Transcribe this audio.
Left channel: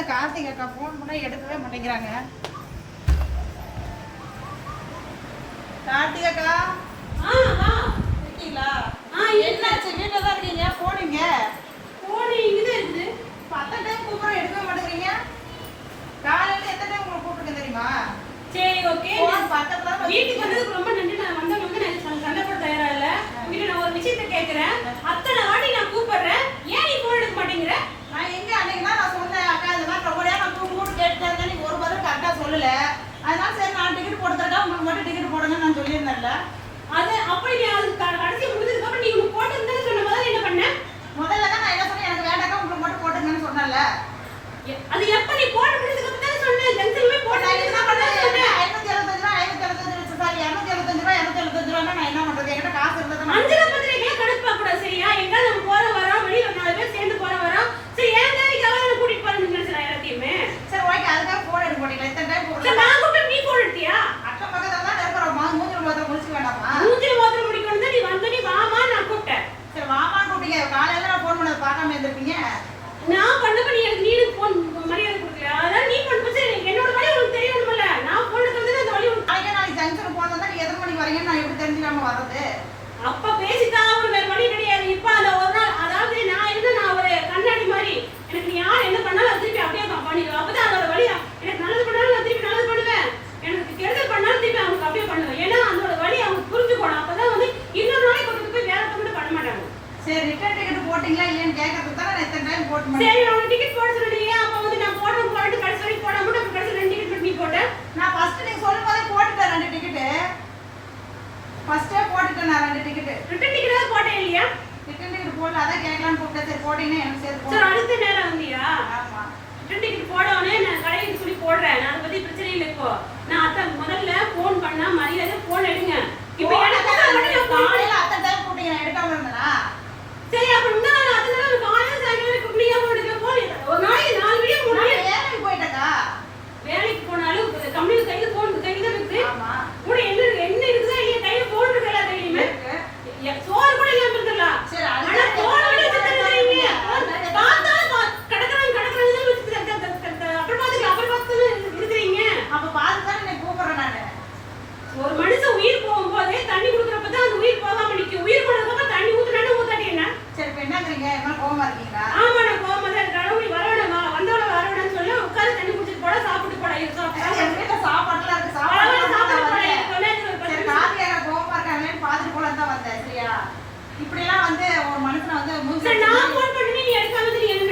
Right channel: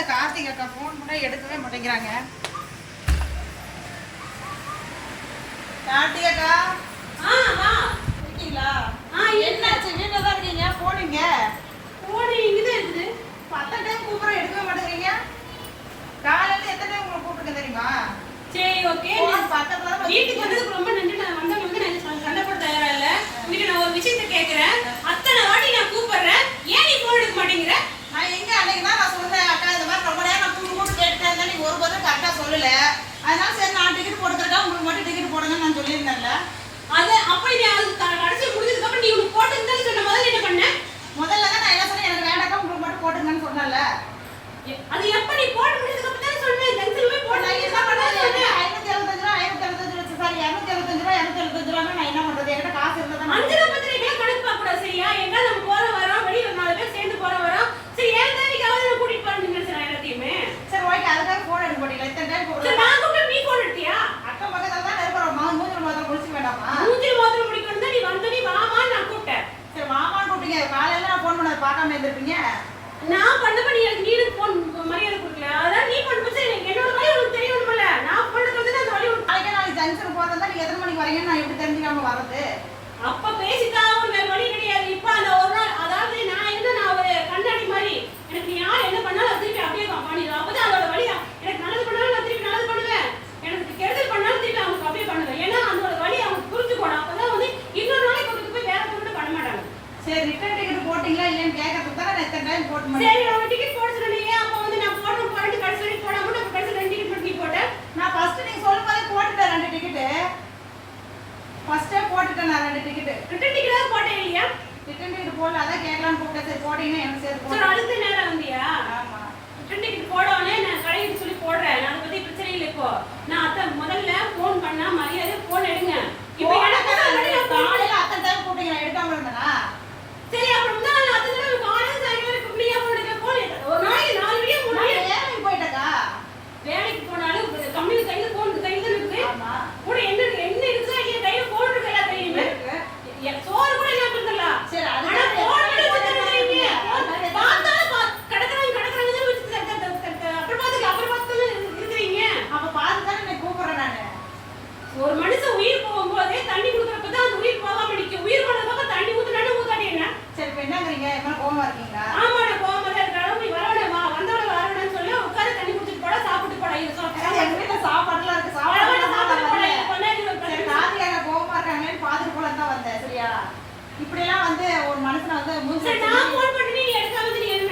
இந்த கார்த்திக் அக்கா ஃபோன் பண்ணால் எடுக்கவே மாட்டேங்கிறாங்க. கார்த்திக் அக்கா? ஆ வா. இருக்கீங்களா? ஆ என்னாச்சு? வீட்டில் தான் இருக்கீங்க? போனீங்க போனி இங்கே தான் இருக்குது. பத்து டைம் கூப்பிட எடுக்க மாட்டேங்கிறீங்க. காலையில் எத்தனை டைம் உங்களை கூப்பிட்டுருக்க தெரியுமா? சரி ஓகே பக்கத்தில் பார்க்காம இருந்திருப்பீங்க? நான் பண்ண பண்ணி எனக்கு நீ எனக்கு போன் மரியாதை கொடுக்கல அதான் நீ பண்ண போச்சு என்னோட மாதிரி உனக்கு தெரியணும்ல. நான் போனதுக்கு வந்து அந்த வழி நாளைக்கு நாளைக்கு ஜங்ஷன் போனதா நீங்க எத்தனை மணிக்கு வரீங்கன்னு நான் இப்படி தெரிஞ்சு நாம அப்ப பேசிட்டா சரி உங்க டிக்கெட் போட சொல்றீங்க வந்து நான் போட்டு போட்டு கடைசி வரைக்கும் போடாம நான் டிக்கெட் மட்டும் போட்டேன் நான் ஃபர்ஸ்ட் நீங்க சொல்லும் போதே போட்டுட்டேன் போட்டுட்டேன் ரெண்டு டிக்கெட் ரிட்டர்ன் டிக்கெட் போட்டேன் இல்லையா? ரிட்டர்ன் டிக்கெட் போடல அதான் எனக்கு அடுத்த நேரம் வந்தியா? ஆமா. ரிட்டர்ன் டிக்கெட் போடவனே நான் கடையில் சொல்லி போடுறேன். அதை பத்தி பிரச்சனை இல்லை இப்போ. நான் அத்தை முதல்ல போன் பண்ணா மரியாதை போன் எடுங்க. காலையில அத்தை தான் கூப்பிட்டீங்க எடுக்காம இருந்தா சரி அப்புறம் மூலம் தான் வந்தேன் சரியா? இப்படியெல்லாம் வந்து ஒரு மனுஷன் வந்து நான் ஃபோன் பண்ணி எடுக்காம தெரியும்?